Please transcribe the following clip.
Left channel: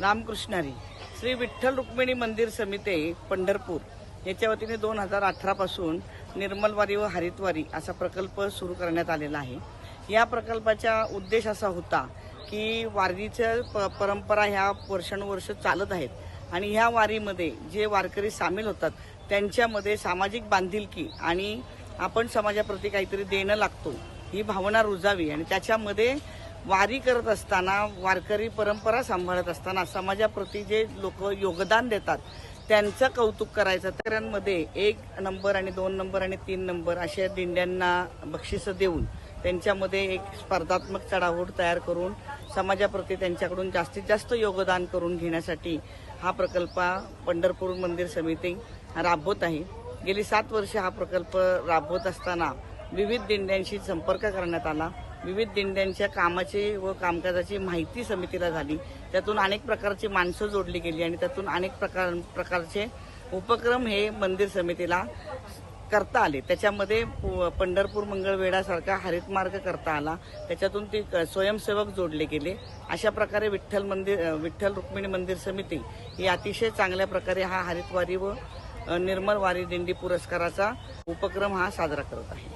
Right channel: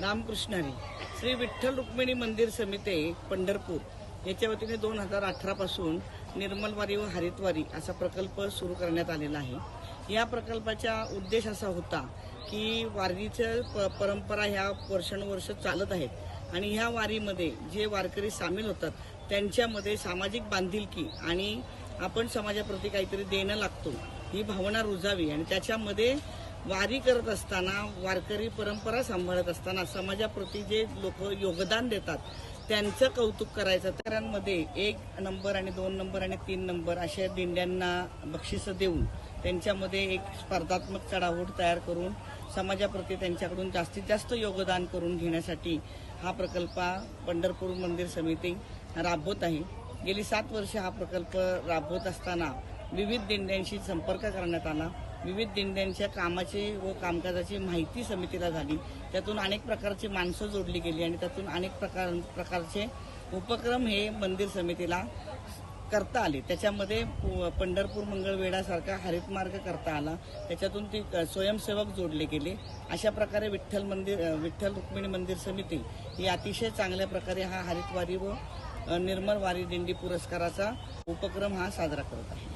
रामकृष्णारी श्री विठ्ठल रुक्मिणी मंदिर समिती पंढरपूर. याच्या वतीने दोन हजार अठरापासून निर्मलवारी व हरितवारी असा प्रकल्प सुरू करण्यात आलेला आहे. या प्रकल्पाचा उद्देश असा होता की वारीच्या प परंपरा ह्या वर्षानुवर्ष चालत आहेत. आणि ह्या वारीमध्ये जे वारकरी सामील होतात त्यांच्यामध्ये सामाजिक बांधिलकी आणि आपण समाजाप्रती काहीतरी देणं लागतो ही भावना रुजावी. आणि त्याच्यामध्ये वारी करत असताना वारकरी परंपरा सांभाळत असताना समाजाप्रती जे लोक योगदान देतात त्यांचं कौतुक करायचं त्यांमध्ये एक नंबर आणि दोन नंबर आणि तीन नंबर अशा दिंड्यांना बक्षिसं देऊन त्यांच्यामध्ये एक स्पर्धात्मक चढाओढ तयार करून समाजाप्रती त्यांच्याकडून जास्तीत जास्त योगदान करून घेण्यासाठी हा प्रकल्प पंढरपूर मंदिर समिती राबवत आहे. गेली सात वर्ष हा प्रकल्प राबवत असताना विविध दिंड्यांशी संपर्क करण्यात आला. विविध दिंड्यांच्या कामाची व कामकाजाची माहिती समितीला झाली. त्यातून अनेक प्रकारची माणसं जोडली गेली आणि त्यातून अनेक प्रकार प्रकारचे उपक्रम हे मंदिर समितीला करता आले. त्याच्यामध्ये पु- पंढरपूर मंगळवेढासारखा हरित मार्ग करता आला. त्याच्यातून ती क- स्वयंसेवक जोडले गेले. अशा प्रकारे विठ्ठल मंदिर विठ्ठल रुक्मिणी मंदिर समिती ही अतिशय चांगल्या प्रकारे हा हरितवारी व निर्मल वारी दिंडी पुरस्काराचा उपक्रम हा साजरा करत आहे.